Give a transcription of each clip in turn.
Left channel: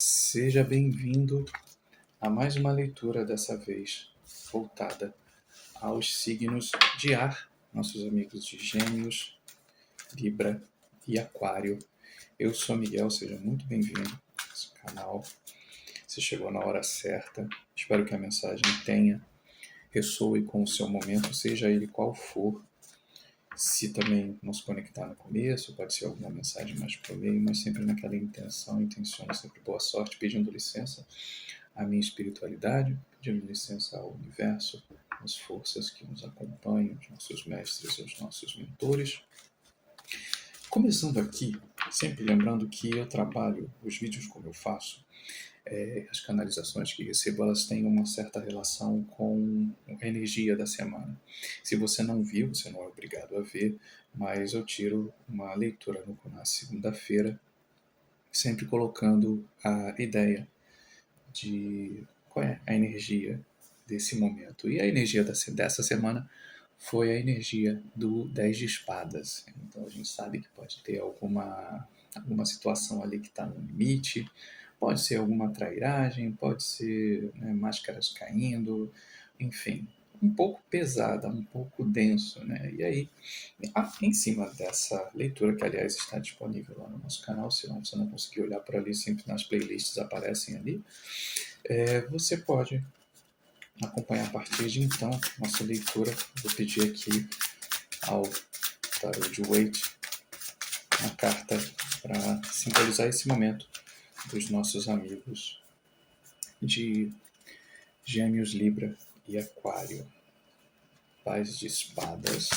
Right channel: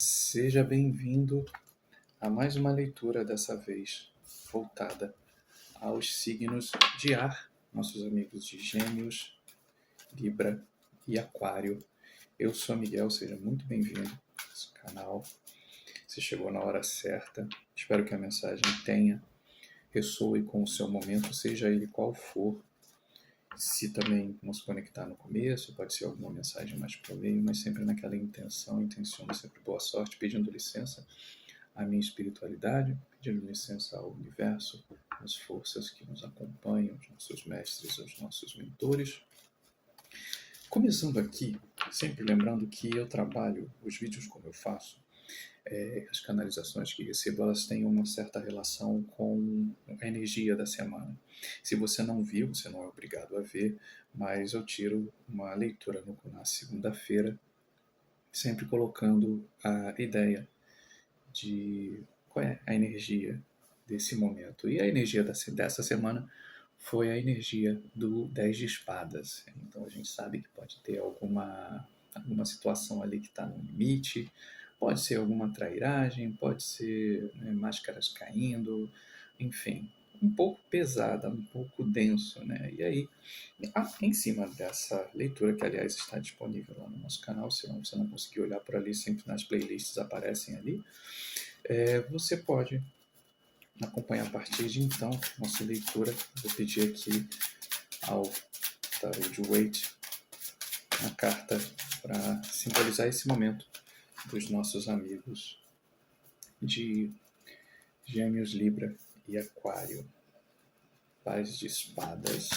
Seja bem-vindo a mais uma leitura, dessa vez voltada aos signos de ar, nossos amigos de Gêmeos, Libra e Aquário. Eu sou Miguel, seja muito bem-vindo a esse canal. Você chegou na hora certa. Espero que a mensagem ressoe com o seu momento, seja ele qual for. Se também não se conectar no começo, pode ser alguma mensagem mais pro meio, mas sempre naquela intenciono sempre boa sorte, pedindo licença à minha espiritualidade, pedindo licença ao universo, às forças que nos acompanham, aos nossos mestres, aos nossos mentores. Começando aqui, sempre lembrando que eu trabalho os vídeos como eu faço, as canalizações que recebo, elas têm uma certa relação com a energia da semana. Se você não viu, você não é obrigado a ver, mas eu tiro uma leitura na segunda-feira, sempre colocando a ideia de qual é a energia desse momento. E a energia dessa semana foi a energia do 10 de espadas. Então a gente sabe que pode ter alguma situação ali que está no limite, pode ser alguma trairagem, pode ser, né, máscaras caindo, enfim, um pouco pesada, um pouco denso, né? E aí, em cima dessa leitura, que aliás está disponível lá no nosso canal, se não, você não conseguir olhar por ali, sempre nas playlists aparecem ali, você pode acompanhar a partir de então nossa leitura. Vou pedir aqui ao Tarot de Waite uma carta para simbolizar esse momento dos nossos amigos de Gêmeos, Libra e Aquário. Paz de espadas.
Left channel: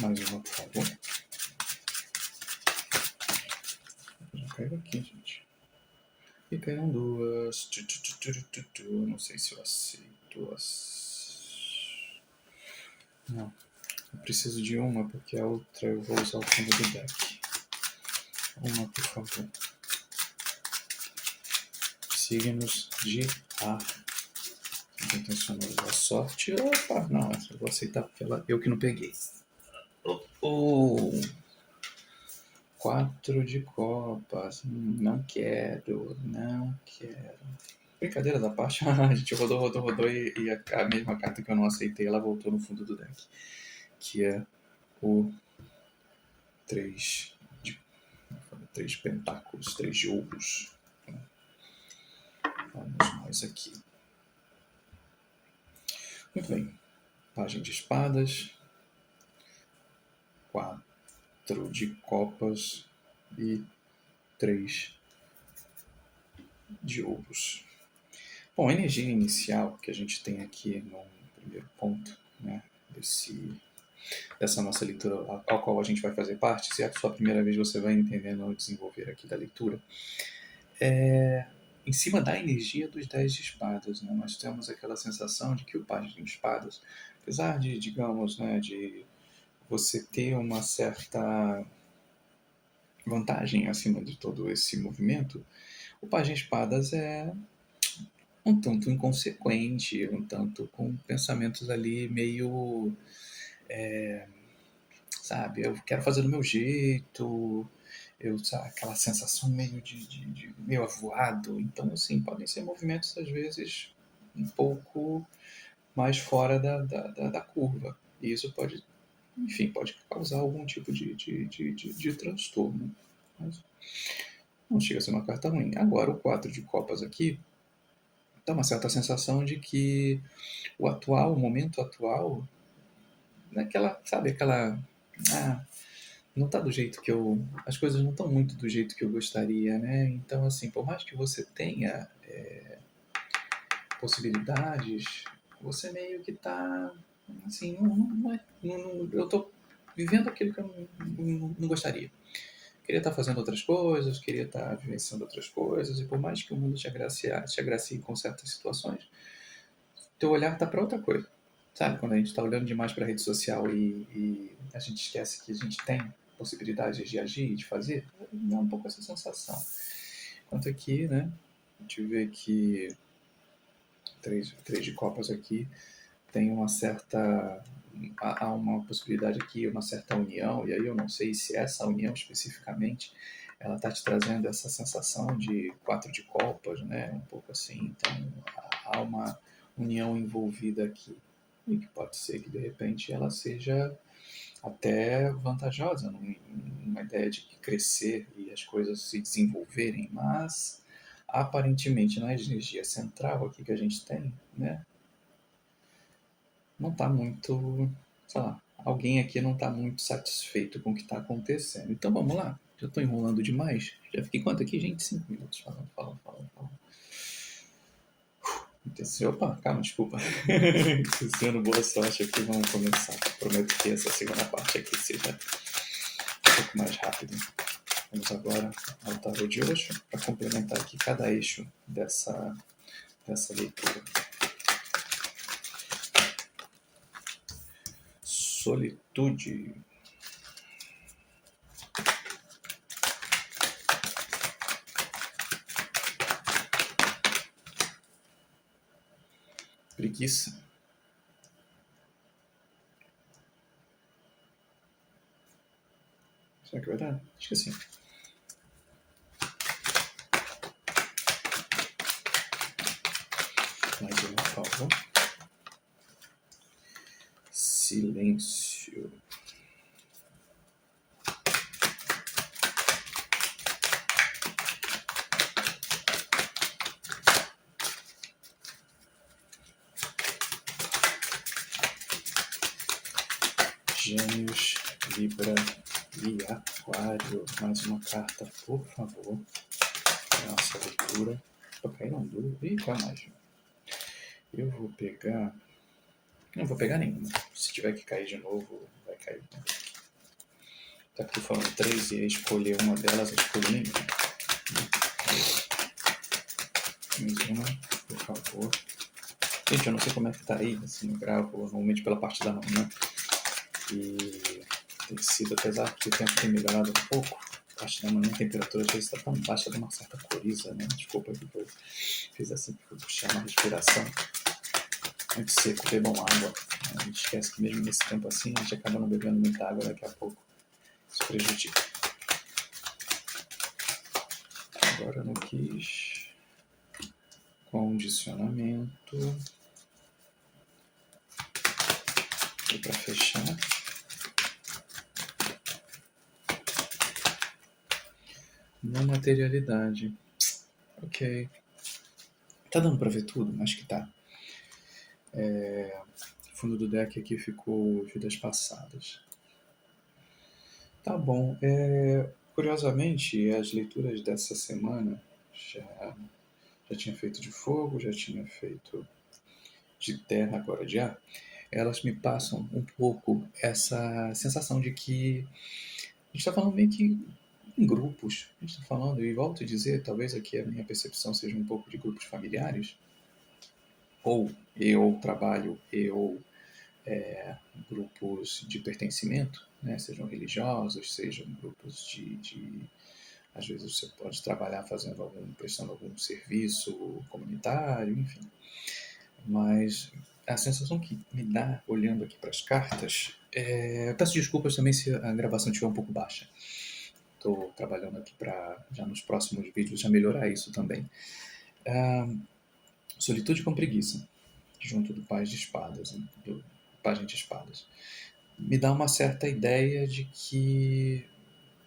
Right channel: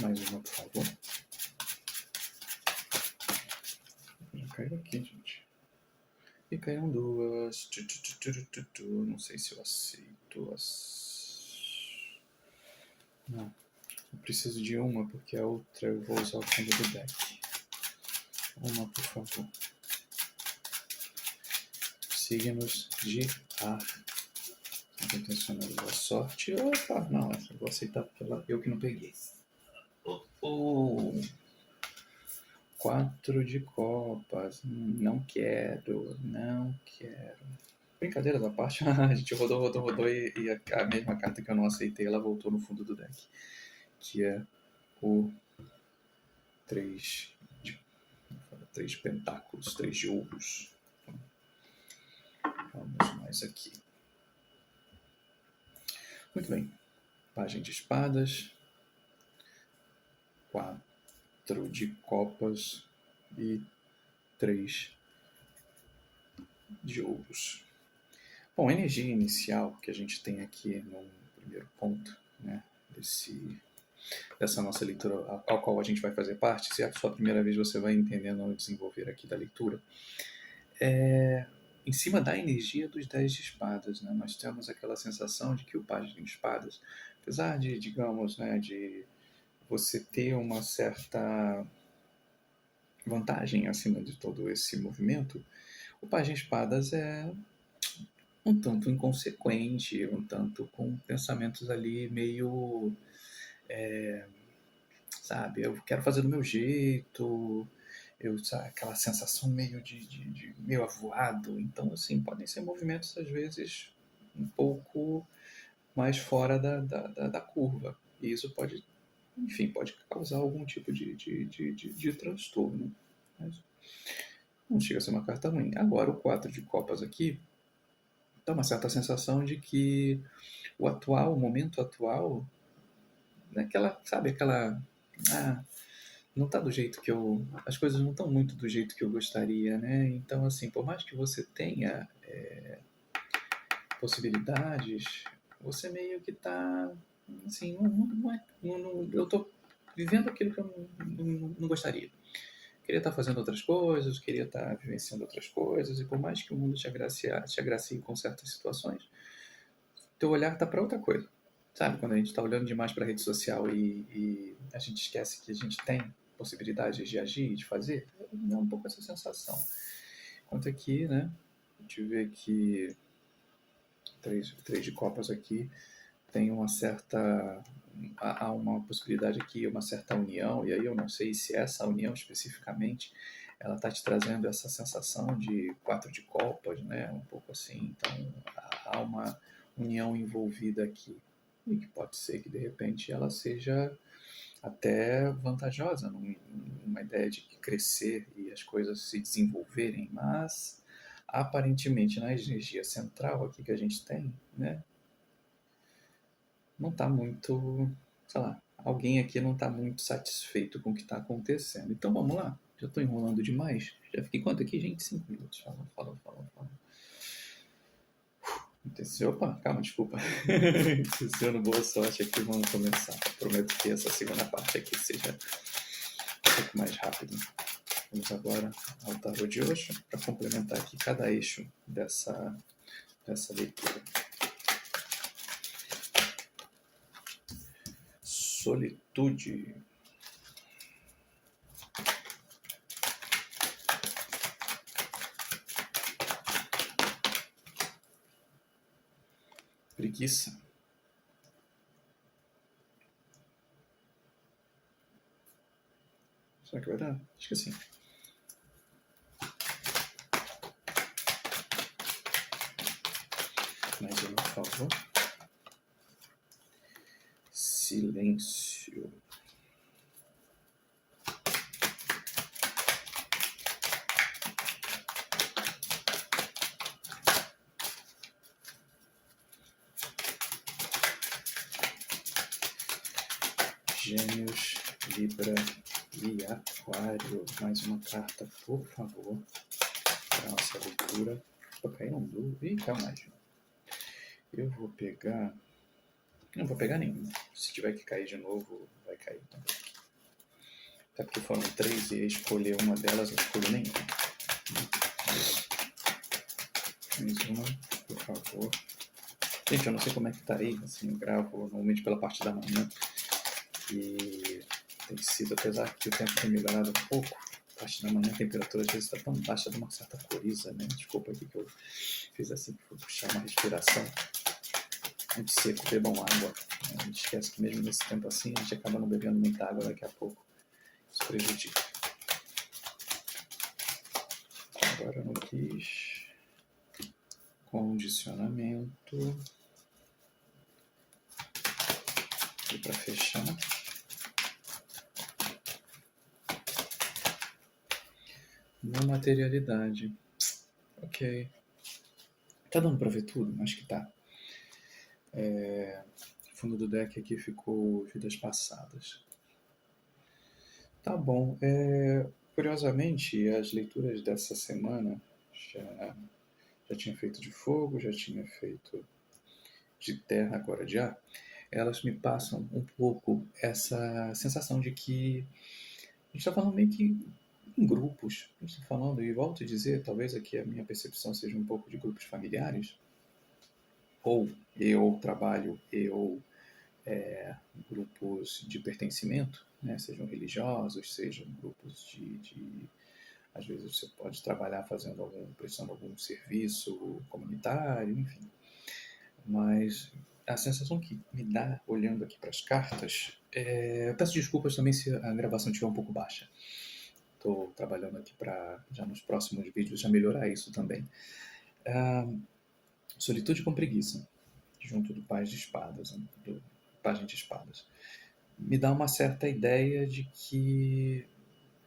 Mais uma, por favor. Já caiu aqui, gente. E caíram duas. Não sei se eu aceito Não. Eu preciso de uma, porque a outra eu vou usar o fundo do deck. Uma, por favor. Signos de ar. Intencionou usar sorte. Opa, não, eu vou aceitar porque eu que não peguei. Oh. 4 de copas. Não quero. Brincadeira da parte, a gente rodou e a mesma carta que eu não aceitei, ela voltou no fundo do deck. Que é o 3 de pentáculos, 3 de ouros. Vamos mais aqui. Muito bem. Página de espadas. 4 de copas e 3 de ouros. Bom, a energia inicial que a gente tem aqui no primeiro ponto, né, dessa nossa leitura, a qual a gente vai fazer parte, se é a sua primeira vez, você vai entendendo ao desenvolver aqui da leitura, em cima da energia dos 10 de espadas, né, nós temos aquela sensação de que o pajem de espadas, apesar de, digamos, né, de você ter uma certa vantagem acima de todo esse movimento, o pajem de espadas é um tanto inconsequente, um tanto com pensamentos ali meio, sabe, eu quero fazer do meu jeito, sabe, aquela sensação meio de meio avoado. Então, assim, podem ser movimentos às vezes um pouco mais fora da curva. E isso pode, enfim, pode causar algum tipo de transtorno. Mas não chega a ser uma carta ruim. Agora, o 4 de copas aqui dá uma certa sensação de que o momento atual, naquela, sabe, aquela, não tá do jeito que as coisas não estão muito do jeito que eu gostaria, né? Então, assim, por mais que você tenha possibilidades, você meio que tá, assim, eu tô vivendo aquilo que eu não gostaria. Queria estar fazendo outras coisas, queria estar vivenciando outras coisas, e por mais que o mundo te agracie com certas situações, teu olhar tá para outra coisa. Sabe, quando a gente está olhando demais para a rede social e a gente esquece que a gente tem possibilidades de agir e de fazer, dá um pouco essa sensação. Enquanto aqui, né, a gente vê que três de copas aqui tem uma certa, há uma possibilidade aqui, uma certa união, e aí eu não sei se essa união especificamente ela está te trazendo essa sensação de 4 de copas, né? Um pouco assim. Então, há uma união envolvida aqui. E que pode ser que, de repente, ela seja até vantajosa numa ideia de crescer e as coisas se desenvolverem, mas aparentemente na energia central aqui que a gente tem, né, não está muito, sei lá, alguém aqui não está muito satisfeito com o que está acontecendo. Então vamos lá, já estou enrolando demais. Já fiquei quanto aqui, gente? 5 minutos. Falando. Opa, calma, desculpa. Desejando boa sorte aqui, vamos começar. Prometo que essa segunda parte aqui seja um pouco mais rápida. Vamos agora ao tarô de Osho para complementar aqui cada eixo dessa leitura. Solitude. Preguiça. Será que vai dar? Acho que sim. Mais uma, por favor. Silêncio. Gêmeos, Libra e Aquário. Mais uma carta, por favor, para nossa leitura. Vou cair um duro. Ih, calma, eu vou pegar... Não vou pegar nenhuma. Se tiver que cair de novo, vai cair. Até porque foram 3 e ia escolher uma delas, eu escolhi nenhuma. Mais uma, por favor. Gente, eu não sei como é que tá aí, assim, eu gravo normalmente pela parte da manhã. E tem sido, apesar que o tempo tem melhorado um pouco, a parte da manhã a temperatura às vezes está tão baixa, dá uma certa coriza, né? Desculpa aqui que eu fiz assim, que fui puxar uma respiração. Muito seco, bebam água. A gente esquece que mesmo nesse tempo assim, a gente acaba não bebendo muita água daqui a pouco. Isso prejudica. Agora eu não quis. Condicionamento. E para fechar. Não materialidade. Ok. Tá dando pra ver tudo? Acho que tá. O fundo do deck aqui ficou vidas passadas. Tá bom. Curiosamente, as leituras dessa semana já tinha feito de fogo, já tinha feito de terra, agora de ar. Elas me passam um pouco essa sensação de que a gente está falando meio que em grupos. A gente está falando, e volto a dizer, talvez aqui a minha percepção seja um pouco de grupos familiares, ou eu trabalho, grupos de pertencimento, né? Sejam religiosos, sejam grupos de às vezes você pode trabalhar prestando algum serviço comunitário, enfim. Mas a sensação que me dá olhando aqui para as cartas, eu peço desculpas também se a gravação estiver um pouco baixa. Estou trabalhando aqui para já nos próximos vídeos já melhorar isso também. Solitude com preguiça, junto do Paz de Espadas, né? Do Pajem de Espadas. Me dá uma certa ideia de que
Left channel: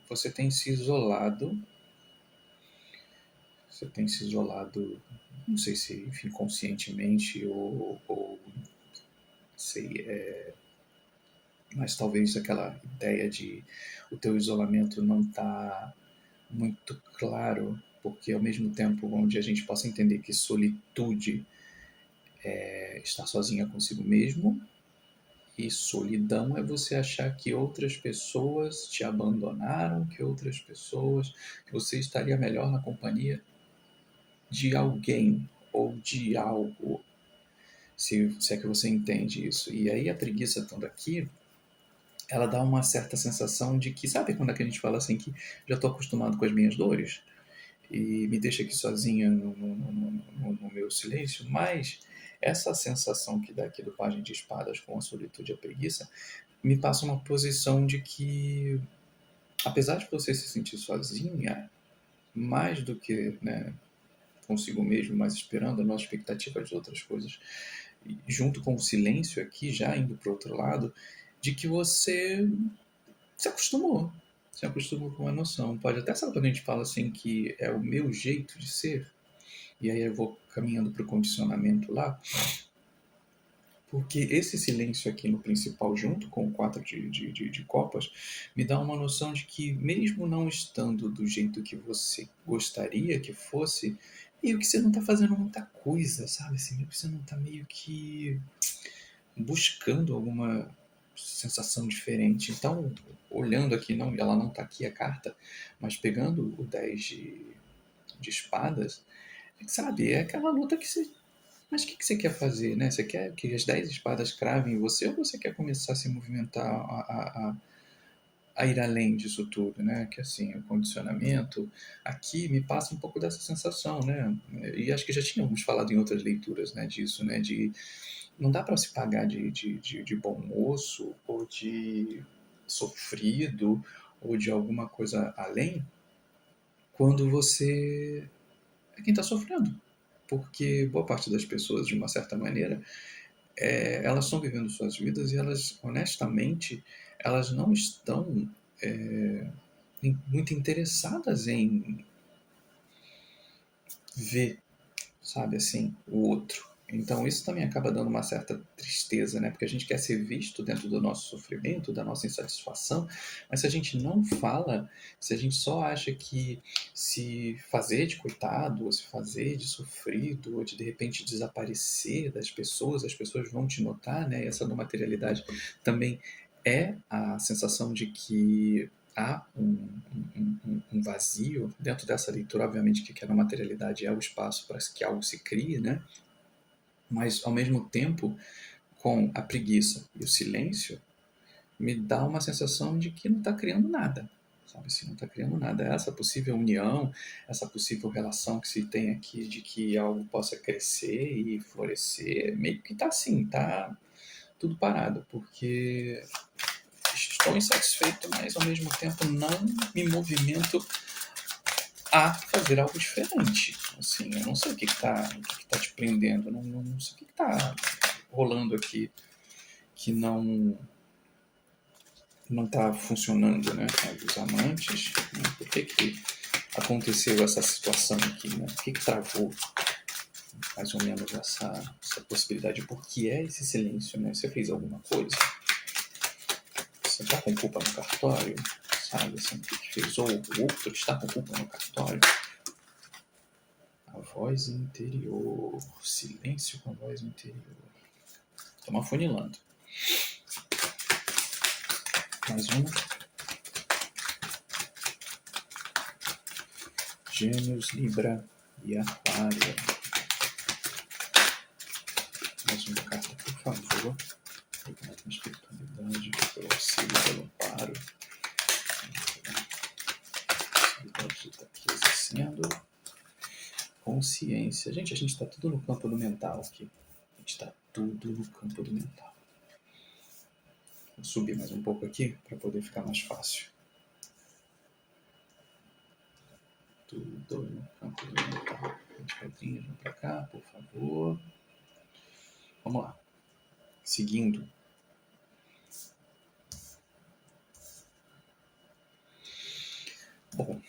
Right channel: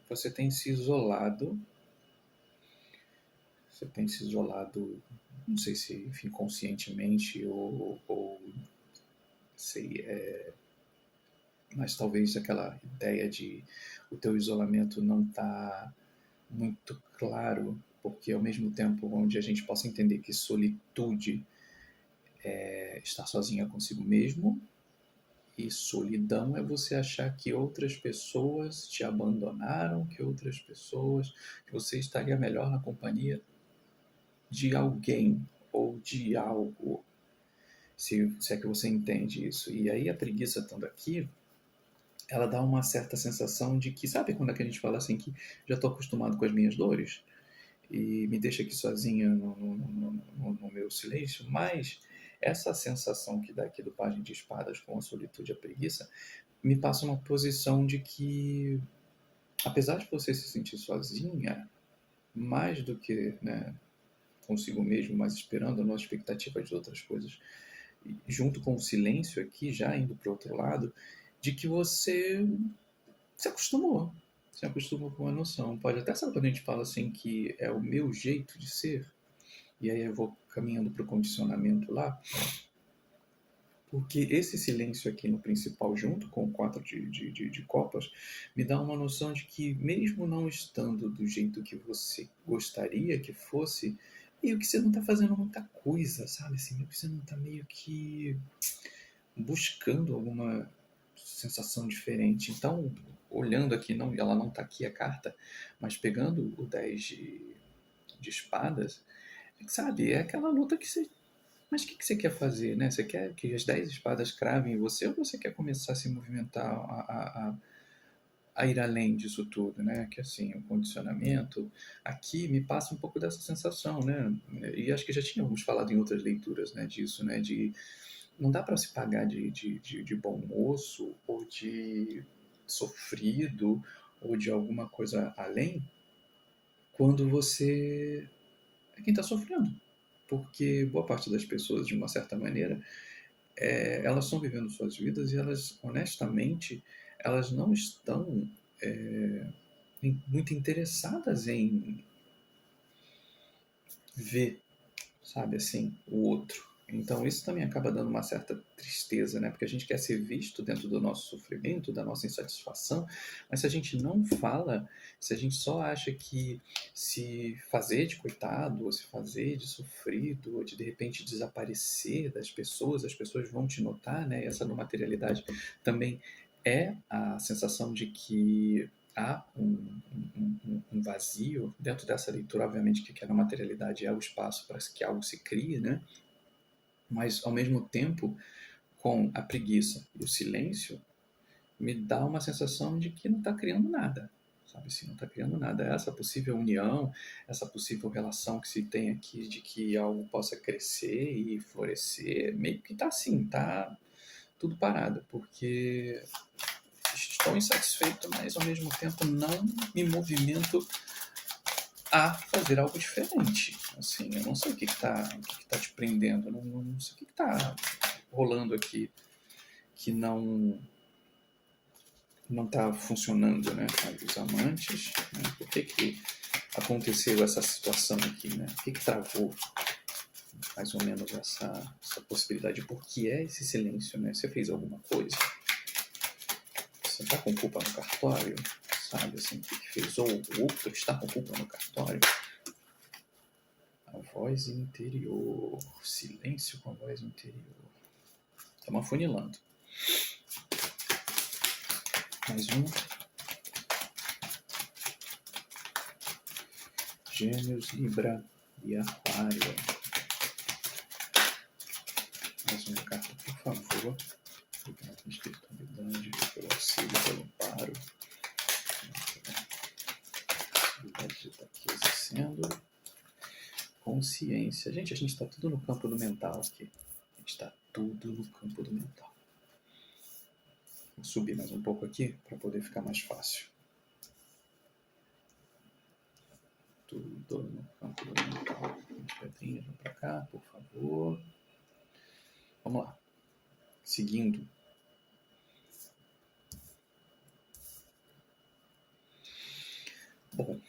você tem se isolado. Não sei se, enfim, conscientemente ou sei, mas talvez aquela ideia de o teu isolamento não está muito claro, porque ao mesmo tempo onde a gente possa entender que solitude é estar sozinha consigo mesmo, e solidão é você achar que outras pessoas te abandonaram, que você estaria melhor na companhia de alguém ou de algo, se é que você entende isso. E aí a preguiça estando aqui, ela dá uma certa sensação de que, sabe quando é que a gente fala assim que já estou acostumado com as minhas dores e me deixa aqui sozinha no meu silêncio, mas essa sensação que dá aqui do Pajem de Espadas com a solitude e a preguiça me passa uma posição de que apesar de você se sentir sozinha, mais do que, né, consigo mesmo, mas esperando a nossa expectativa de outras coisas, junto com o silêncio aqui, já indo para o outro lado, de que você se acostumou. Se acostumou com uma noção. Pode até ser quando a gente fala assim que é o meu jeito de ser, e aí eu vou caminhando para o condicionamento lá, porque esse silêncio aqui no principal, junto com o 4 de copas, me dá uma noção de que, mesmo não estando do jeito que você gostaria que fosse, meio que você não está fazendo muita coisa, sabe? Assim, meio que você não está meio que buscando alguma sensação diferente. Então, olhando aqui, não, ela não está aqui a carta, mas pegando o 10 de espadas, sabe? É aquela luta que você. Mas o que você quer fazer, né? Você quer que as 10 espadas cravem em você ou você quer começar a se movimentar, a ir além disso tudo, né? Que assim, o condicionamento aqui me passa um pouco dessa sensação, né? E acho que já tínhamos falado em outras leituras, né, disso, né? De não dá para se pagar de bom moço ou de sofrido ou de alguma coisa além quando você é quem está sofrendo. Porque boa parte das pessoas, de uma certa maneira, elas estão vivendo suas vidas e elas, honestamente, elas não estão é, muito interessadas em ver, sabe, assim, o outro. Então isso também acaba dando uma certa tristeza, né? Porque a gente quer ser visto dentro do nosso sofrimento, da nossa insatisfação, mas se a gente não fala, se a gente só acha que se fazer de coitado, ou se fazer de sofrido, ou de repente desaparecer das pessoas, as pessoas vão te notar, né? Essa não materialidade também é a sensação de que há um vazio dentro dessa leitura, obviamente que a não materialidade é o espaço para que algo se crie, né? Mas ao mesmo tempo, com a preguiça e o silêncio, me dá uma sensação de que não está criando nada, sabe assim, não está criando nada. Essa possível união, essa possível relação que se tem aqui de que algo possa crescer e florescer, meio que está assim, está tudo parado, porque estou insatisfeito, mas ao mesmo tempo não me movimento a fazer algo diferente. Assim, eu não sei o que está te prendendo, não sei o que está rolando aqui que não está funcionando, né? Os amantes, né? Por que aconteceu essa situação aqui, né? O que travou mais ou menos essa possibilidade? Por que é esse silêncio, né? Você fez alguma coisa? Você está com culpa no cartório? Sabe assim, o que fez? Ou o outro está com culpa no cartório? A voz interior. Silêncio com a voz interior. Estamos afunilando. Mais um. Gêmeos, Libra e Aquário. Mais uma carta, por favor. Obrigado pela espiritualidade, pelo auxílio, pelo amparo. A espiritualidade está aqui exercendo. Consciência. Gente, a gente está tudo no campo do mental aqui. A gente está tudo no campo do mental. Vou subir mais um pouco aqui para poder ficar mais fácil. Tudo no campo do mental. As pedrinhas vão para cá, por favor. Vamos lá. Seguindo. Bom,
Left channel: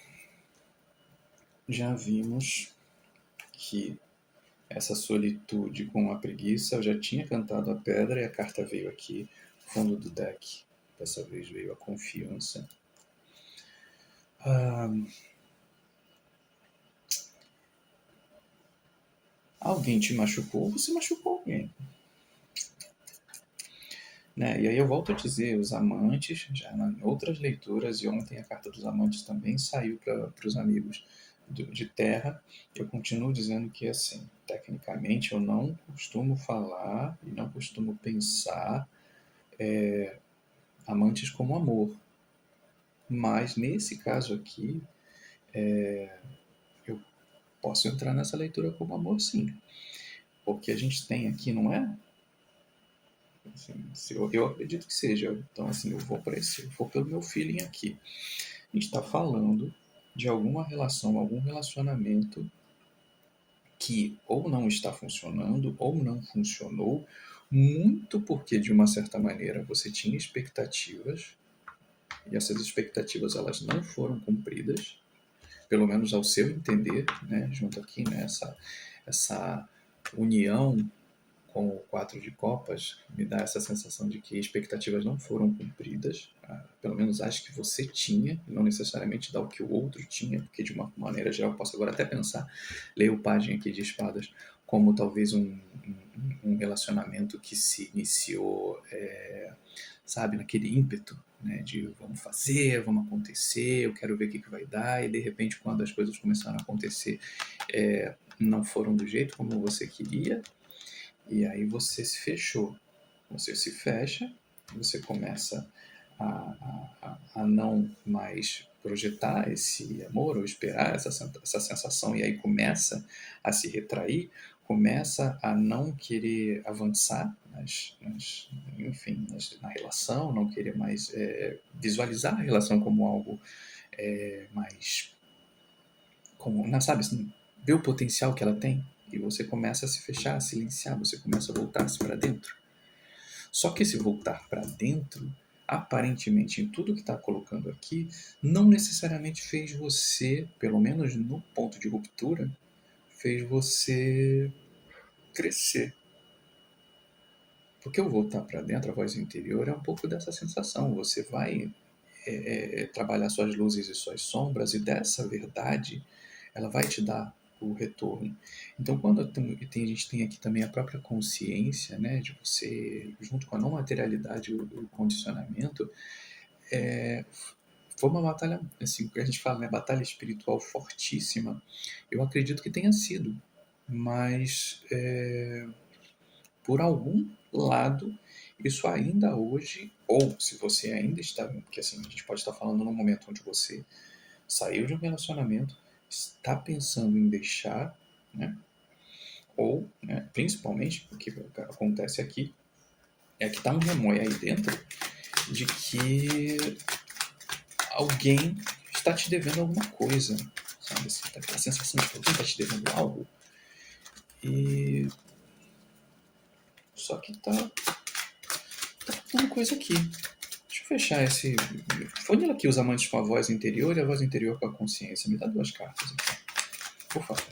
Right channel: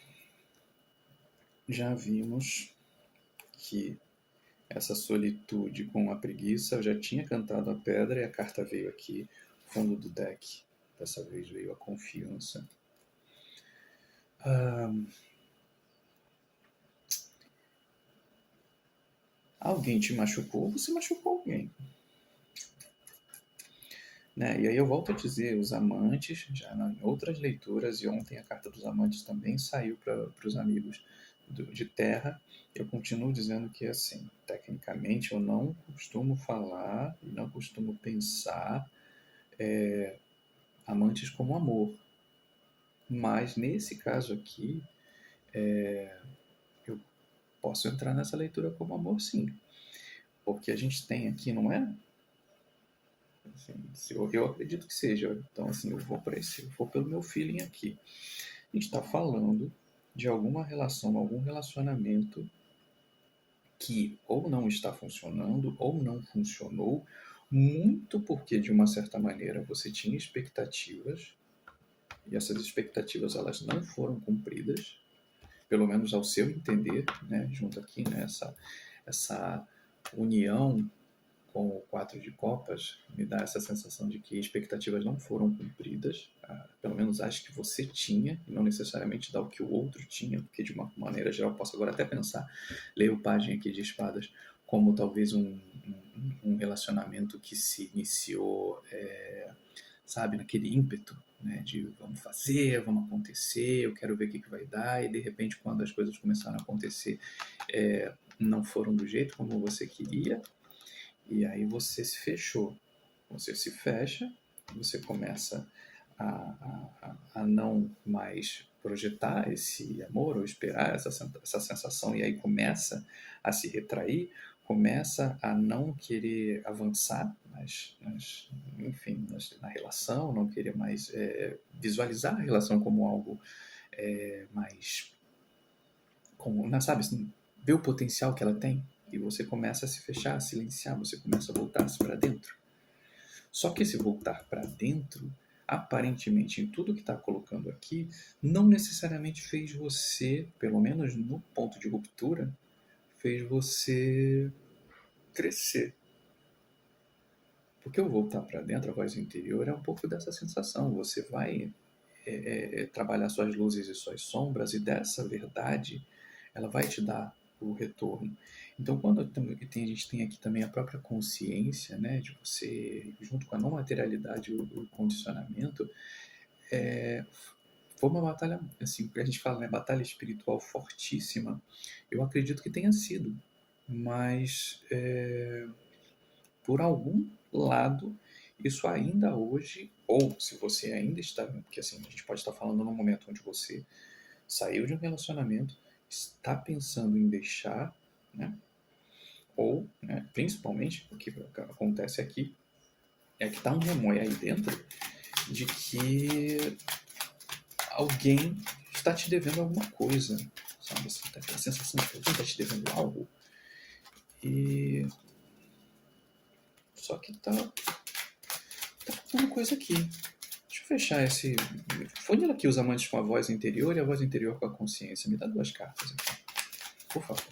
já vimos que essa solitude com a preguiça, eu já tinha cantado a pedra e a carta veio aqui, fundo do deck. Dessa vez veio a confiança. Alguém te machucou, você machucou alguém. Né? E aí eu volto a dizer, os amantes, já em outras leituras, e ontem a carta dos amantes também saiu para os amigos de terra, eu continuo dizendo que, assim, tecnicamente eu não costumo falar e não costumo pensar amantes como amor. Mas nesse caso aqui, eu posso entrar nessa leitura como amor, sim. Porque a gente tem aqui, não é? Assim, eu acredito que seja. Então, assim, eu vou pelo meu feeling aqui. está falando de alguma relação, algum relacionamento que ou não está funcionando ou não funcionou, muito porque de uma certa maneira você tinha expectativas e essas expectativas elas não foram cumpridas, pelo menos ao seu entender, né, junto aqui, né, essa união com o quatro de copas me dá essa sensação de que expectativas não foram cumpridas, pelo menos acho que você tinha, não necessariamente dá o que o outro tinha, porque de uma maneira geral posso agora até pensar, ler o pajem aqui de espadas como talvez um relacionamento que se iniciou, sabe, naquele ímpeto, né, de vamos fazer, vamos acontecer, eu quero ver o que vai dar, e de repente quando as coisas começaram a acontecer, não foram do jeito como você queria, e aí você se fechou. Você se fecha, você começa a não mais projetar esse amor ou esperar essa sensação, e aí começa a se retrair, começa a não querer avançar enfim, na relação, não querer mais visualizar a relação como algo mais, como, sabe, assim, ver o potencial que ela tem, e você começa a se fechar, a silenciar, você começa a voltar-se para dentro. Só que esse voltar para dentro, aparentemente, em tudo que está colocando aqui, não necessariamente fez você, pelo menos no ponto de ruptura, fez você crescer. Porque o voltar para dentro, a voz interior, é um pouco dessa sensação. Você vai trabalhar suas luzes e suas sombras, e dessa verdade ela vai te dar o retorno. Então, quando a gente tem aqui também a própria consciência, né, de você, junto com a não materialidade, o condicionamento, foi uma batalha, assim, que a gente fala, né, batalha espiritual fortíssima. Eu acredito que tenha sido, mas por algum lado, isso ainda hoje, ou se você ainda está, que assim, a gente pode estar falando num momento onde você saiu de um relacionamento, está pensando em deixar, né? Ou, né, principalmente, o que acontece aqui é que está um remoi aí dentro de que alguém está te devendo alguma coisa, sabe? Assim, tá aquela sensação de que alguém está te devendo algo, e só que tá uma coisa aqui. Deixa eu fechar esse. Funila aqui os amantes com a voz interior e a voz interior com a consciência. Me dá duas cartas aqui, por favor.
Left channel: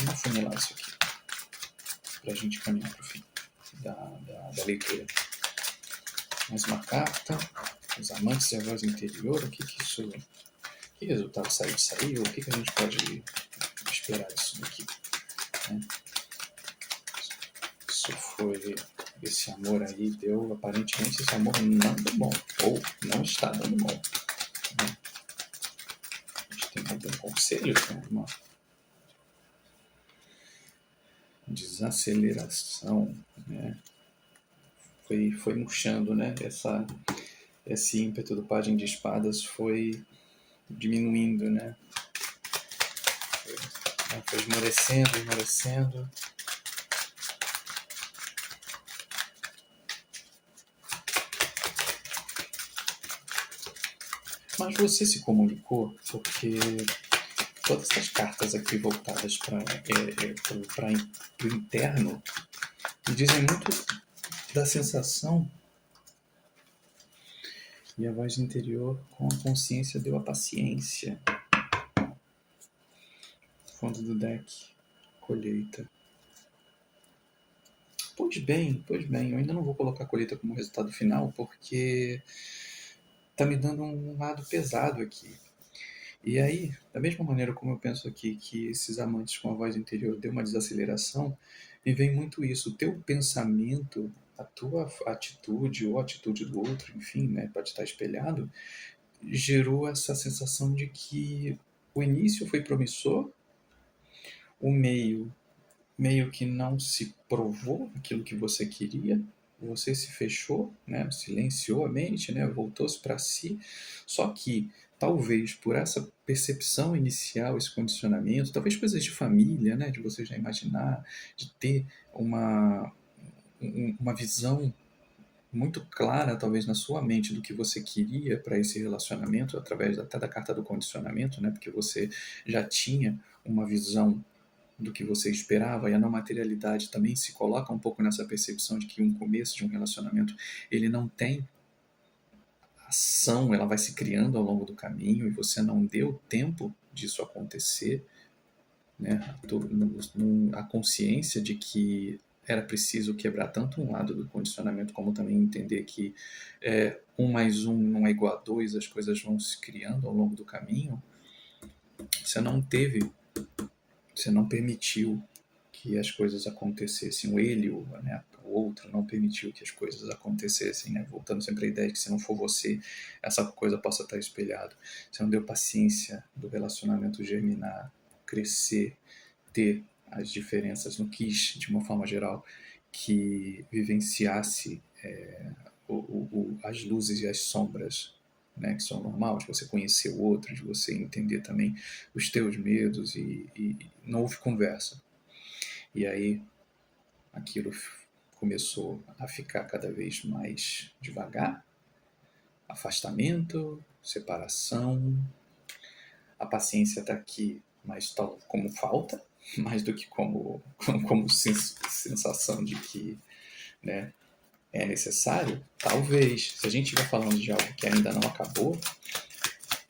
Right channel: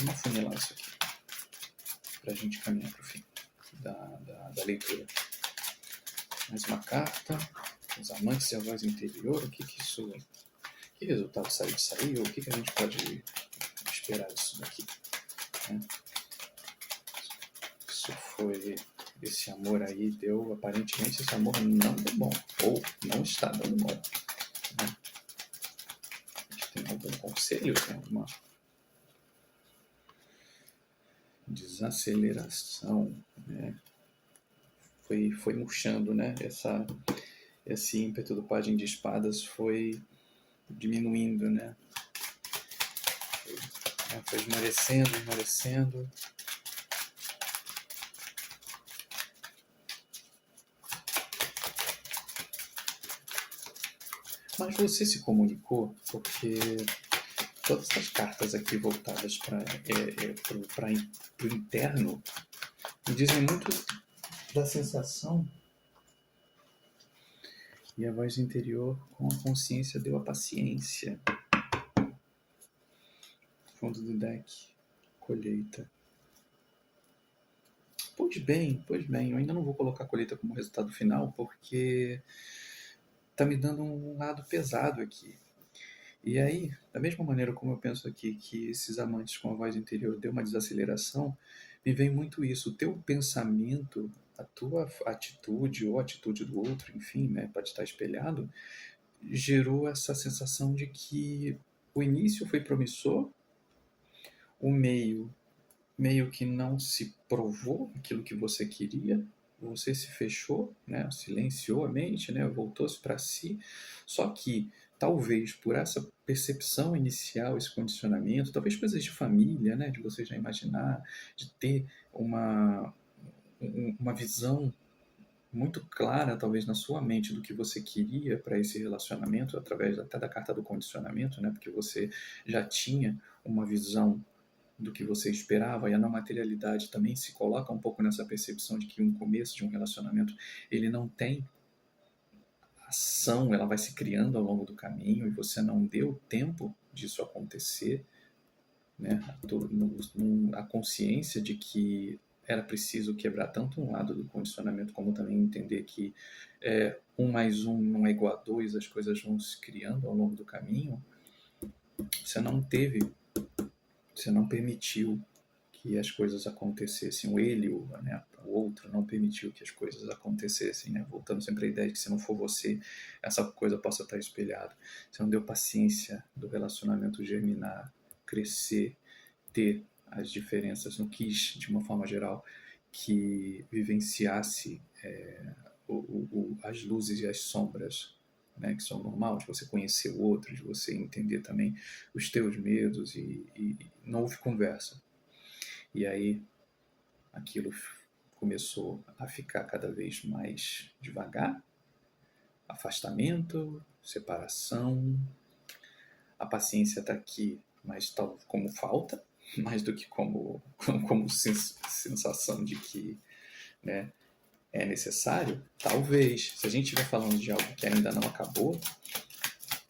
Vamos funilar isso aqui, para a gente caminhar para o fim da leitura. Mais uma carta. Os amantes e a voz interior. O que isso. Que resultado saiu? O que a gente pode esperar disso daqui? Né? Isso foi. Esse amor aí deu. Aparentemente, esse amor não deu bom. Ou não está dando bom. Né? A gente tem algum conselho? Tem alguma desaceleração, né? Foi murchando, né? Esse ímpeto do pajem de espadas foi diminuindo, né? Foi esmorecendo. Mas você se comunicou, porque todas essas cartas aqui voltadas para o interno me dizem muito da sensação, e a voz interior com a consciência deu a paciência. Fundo do deck, colheita. Pois bem, eu ainda não vou colocar a colheita como resultado final, porque tá me dando um lado pesado aqui. E aí, da mesma maneira como eu penso aqui que esses amantes com a voz interior deu uma desaceleração, me vem muito isso. O teu pensamento, a tua atitude ou a atitude do outro, enfim, né, pode estar espelhado, gerou essa sensação de que o início foi promissor, o meio que não se provou aquilo que você queria, você se fechou, né, silenciou a mente, né, voltou-se para si, só que talvez por essa percepção inicial, esse condicionamento, talvez coisas de família, né, de você já imaginar, de ter uma visão muito clara, talvez, na sua mente do que você queria para esse relacionamento, através até da carta do condicionamento, né? Porque você já tinha uma visão do que você esperava, e a não materialidade também se coloca um pouco nessa percepção de que um começo de um relacionamento, ele não tem ação, ela vai se criando ao longo do caminho, e você não deu tempo disso acontecer, né? A consciência de que era preciso quebrar tanto um lado do condicionamento, como também entender que 1 mais 1 não é igual a 2, as coisas vão se criando ao longo do caminho. Você não teve, você não permitiu que as coisas acontecessem. O ele, né, o outro, não permitiu que as coisas acontecessem, né? Voltando sempre à ideia de que se não for você, essa coisa possa estar espelhada. Você não deu paciência do relacionamento germinar, crescer, ter as diferenças, não quis, de uma forma geral, que vivenciasse as luzes e as sombras, né, que são normais, de você conhecer o outro, de você entender também os teus medos, e não houve conversa. E aí aquilo começou a ficar cada vez mais devagar, afastamento, separação, a paciência está aqui, mas tal como falta, mais do que como sensação de que, né, é necessário. Talvez, se a gente estiver falando de algo que ainda não acabou,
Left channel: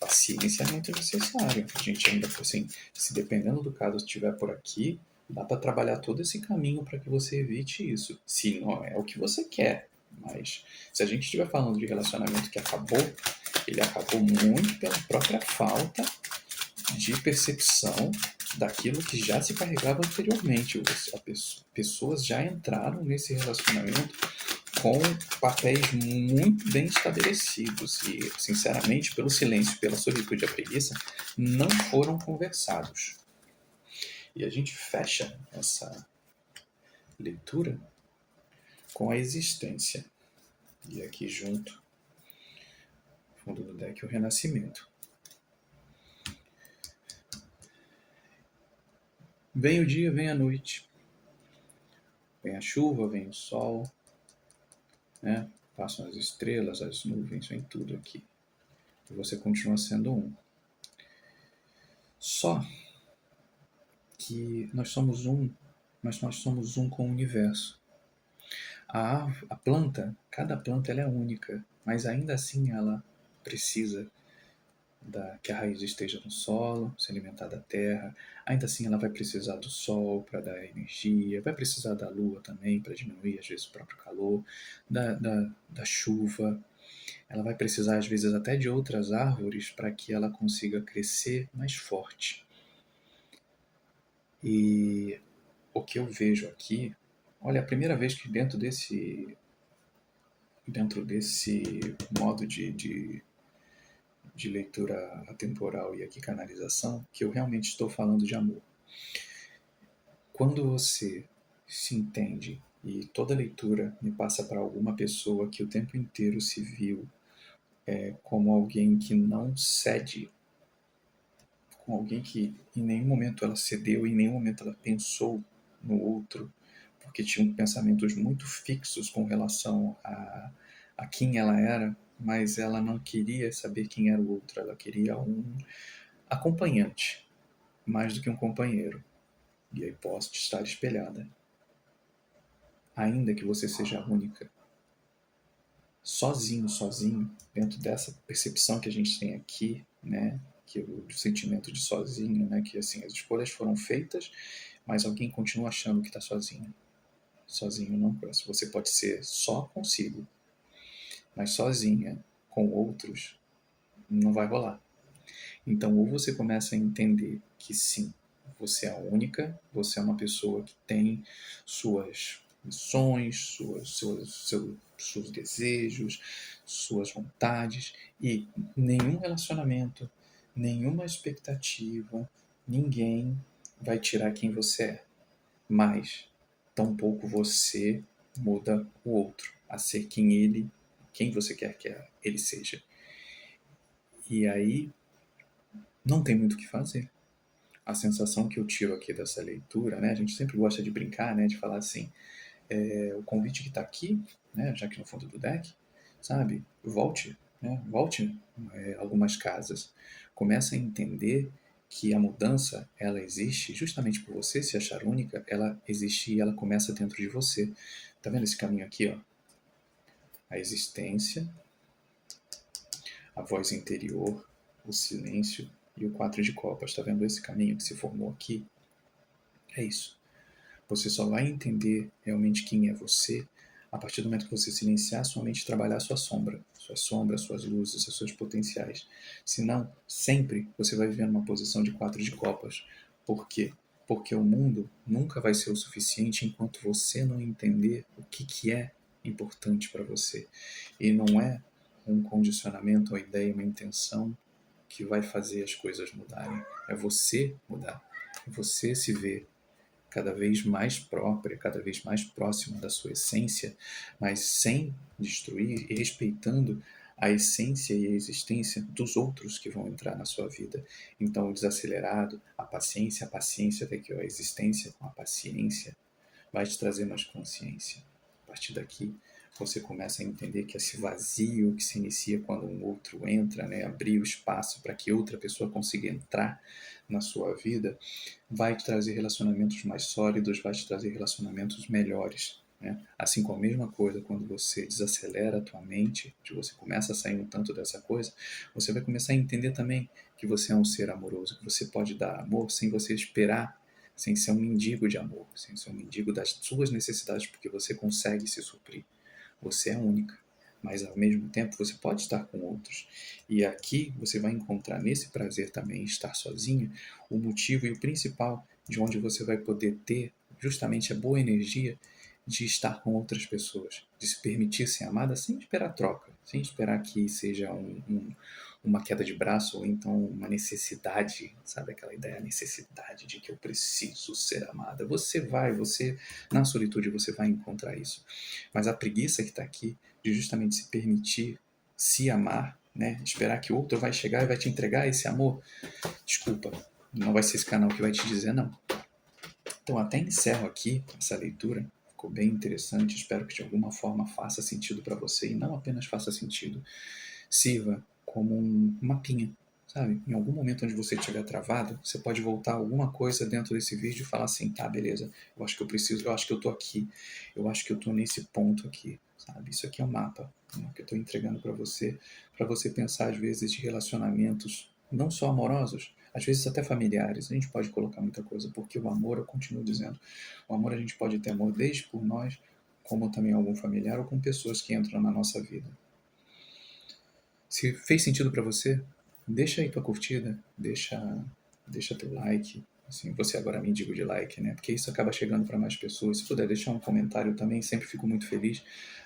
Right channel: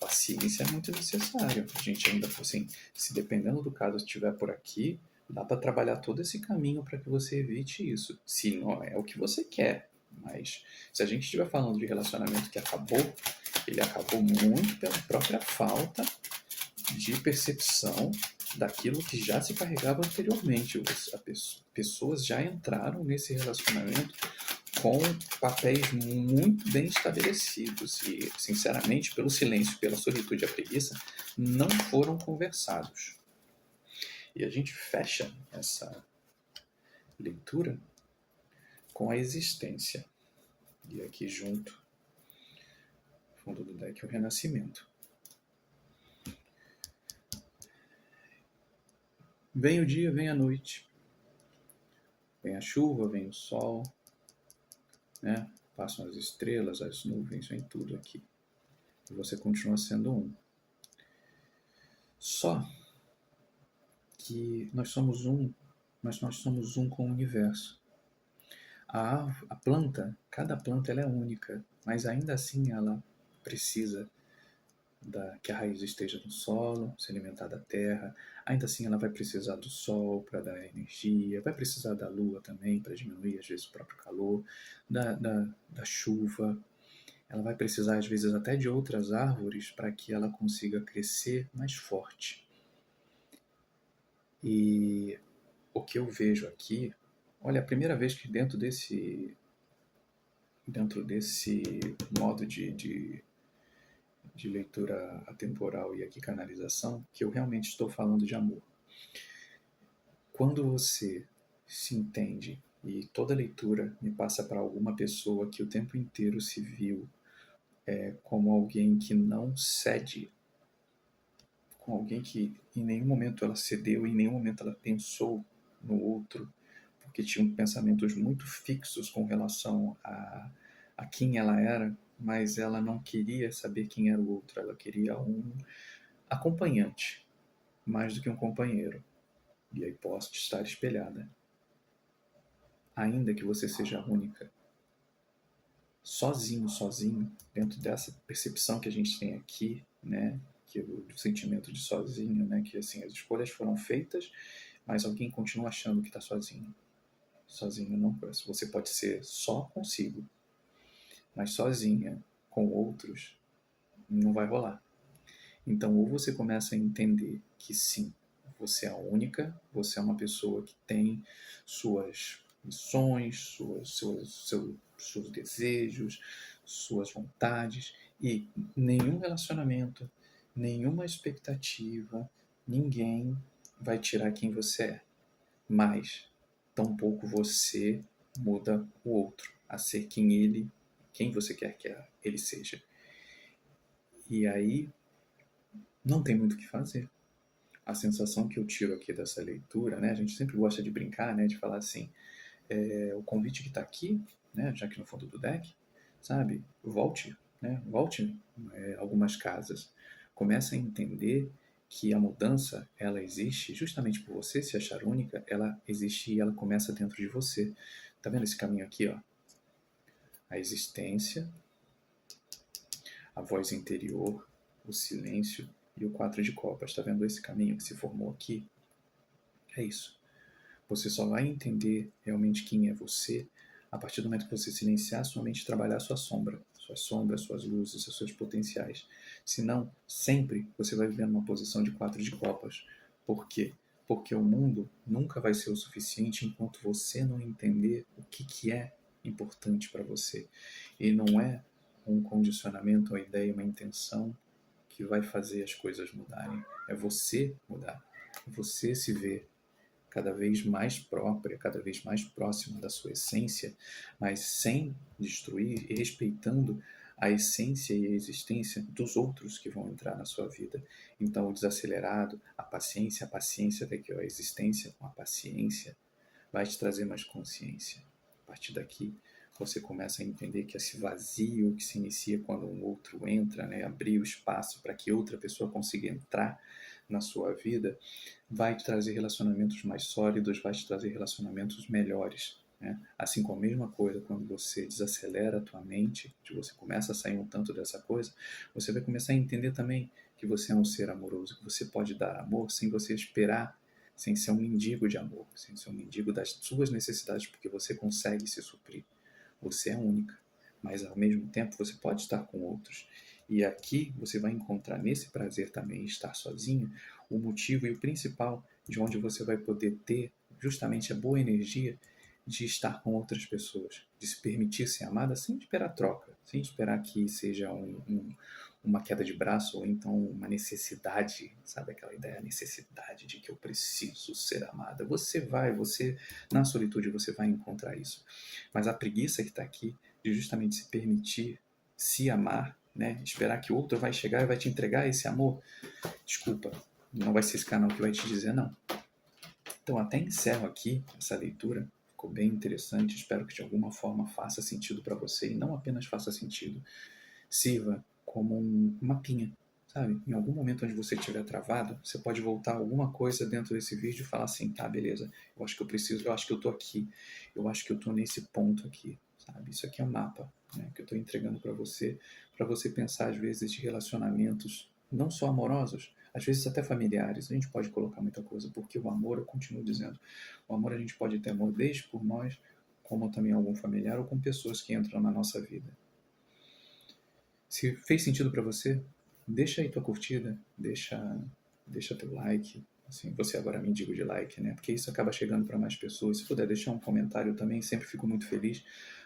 paciência é muito necessário. A gente ainda, assim, se dependendo do caso estiver por aqui, dá para trabalhar todo esse caminho para que você evite isso. Se não é o que você quer. Mas se a gente estiver falando de relacionamento que acabou, ele acabou muito pela própria falta de percepção daquilo que já se carregava anteriormente. Pessoas já entraram nesse relacionamento com papéis muito bem estabelecidos e, sinceramente, pelo silêncio, pela solitude e a preguiça, não foram conversados. E a gente fecha essa leitura com a existência. E aqui junto, fundo do deck, o renascimento. Vem o dia, vem a noite. Vem a chuva, vem o sol, né? Passam as estrelas, as nuvens, vem tudo aqui. E você continua sendo um. Só que nós somos um, mas nós somos um com o universo. A planta, cada planta ela é única, mas ainda assim ela precisa que a raiz esteja no solo, se alimentar da terra. Ainda assim ela vai precisar do sol para dar energia, vai precisar da lua também para diminuir às vezes o próprio calor, da chuva. Ela vai precisar às vezes até de outras árvores para que ela consiga crescer mais forte. E o que eu vejo aqui, olha, a primeira vez que dentro desse modo de leitura atemporal e aqui canalização, que eu realmente estou falando de amor. Quando você se entende, e toda leitura me passa para alguma pessoa que o tempo inteiro se viu como alguém que não cede, com alguém que em nenhum momento ela cedeu, em nenhum momento ela pensou no outro, porque tinha pensamentos muito fixos com relação a quem ela era, mas ela não queria saber quem era o outro, ela queria um acompanhante, mais do que um companheiro. E aí posso estar espelhada. Ainda que você seja única, sozinho, dentro dessa percepção que a gente tem aqui, né, que o sentimento de sozinho, né, que assim, as escolhas foram feitas, mas alguém continua achando que está sozinho. Sozinho não, você pode ser só consigo, mas sozinha com outros não vai rolar. Então, ou você começa a entender que sim, você é única, você é uma pessoa que tem suas missões, seus desejos, suas vontades, e nenhum relacionamento, nenhuma expectativa, ninguém vai tirar quem você é. Mas, tampouco você muda o outro a ser quem você quer que ele seja. E aí, não tem muito o que fazer. A sensação que eu tiro aqui dessa leitura, né? A gente sempre gosta de brincar, né? De falar assim, o convite que está aqui, né, já que no fundo do deck, sabe? Volte, né? Volte algumas casas. Comece a entender que a mudança, ela existe justamente por você se achar única, ela existe e ela começa dentro de você. Tá vendo esse caminho aqui, ó? A existência, a voz interior, o silêncio e o 4 de copas. Tá vendo esse caminho que se formou aqui? É isso. Você só vai entender realmente quem é você a partir do momento que você silenciar sua mente e trabalhar suas sombras, suas luzes, os seus potenciais. Senão, sempre você vai viver numa posição de 4 de copas. Por quê? Porque o mundo nunca vai ser o suficiente enquanto você não entender o que é importante para você. E não é um condicionamento, uma ideia, uma intenção que vai fazer as coisas mudarem. É você mudar. É você se ver cada vez mais própria, cada vez mais próxima da sua essência, mas sem destruir e respeitando a essência e a existência dos outros que vão entrar na sua vida. Então, o desacelerado, a paciência daqui, a existência com a paciência, vai te trazer mais consciência. A partir daqui, você começa a entender que esse vazio que se inicia quando um outro entra, né, abrir o espaço para que outra pessoa consiga entrar na sua vida, vai te trazer relacionamentos mais sólidos, vai te trazer relacionamentos melhores. Né? Assim como a mesma coisa, quando você desacelera a tua mente, que você começa a sair um tanto dessa coisa, você vai começar a entender também que você é um ser amoroso, que você pode dar amor sem você esperar, sem ser um mendigo de amor, sem ser um mendigo das suas necessidades, porque você consegue se suprir. Você é única, mas ao mesmo tempo você pode estar com outros. E aqui você vai encontrar nesse prazer também estar sozinho o motivo e o principal de onde você vai poder ter justamente a boa energia de estar com outras pessoas, de se permitir ser amada sem esperar troca, sem esperar que seja uma queda de braço ou então uma necessidade, sabe aquela ideia, a necessidade de que eu preciso ser amada. Você na solitude você vai encontrar isso. Mas a preguiça que está aqui de justamente se permitir se amar, né? Esperar que o outro vai chegar e vai te entregar esse amor, desculpa, não vai ser esse canal que vai te dizer não. Então até encerro aqui essa leitura, ficou bem interessante, espero que de alguma forma faça sentido para você e não apenas faça sentido, sirva como um mapinha, sabe? Em algum momento onde você estiver travado, você pode voltar alguma coisa dentro desse vídeo e falar assim, tá, beleza, eu acho que eu preciso, eu acho que eu tô aqui, eu acho que eu tô nesse ponto aqui, sabe? Isso aqui é um mapa, né, que eu tô entregando para você pensar às vezes de relacionamentos não só amorosos, às vezes até familiares, a gente pode colocar muita coisa, porque o amor, eu continuo dizendo, o amor a gente pode ter amor desde por nós, como também algum familiar ou com pessoas que entram na nossa vida. Se fez sentido para você, deixa aí tua curtida, deixa teu like. Assim, você agora me digo de like, né? Porque isso acaba chegando para mais pessoas. Se puder deixar um comentário também, sempre fico muito feliz.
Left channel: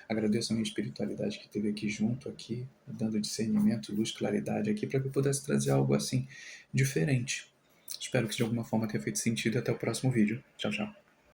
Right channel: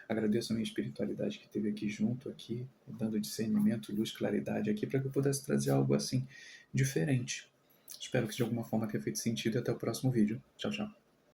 Agradeço a minha espiritualidade que esteve aqui junto, aqui, dando discernimento, luz, claridade aqui, para que eu pudesse trazer algo assim diferente. Espero que de alguma forma tenha feito sentido e até o próximo vídeo. Tchau, tchau.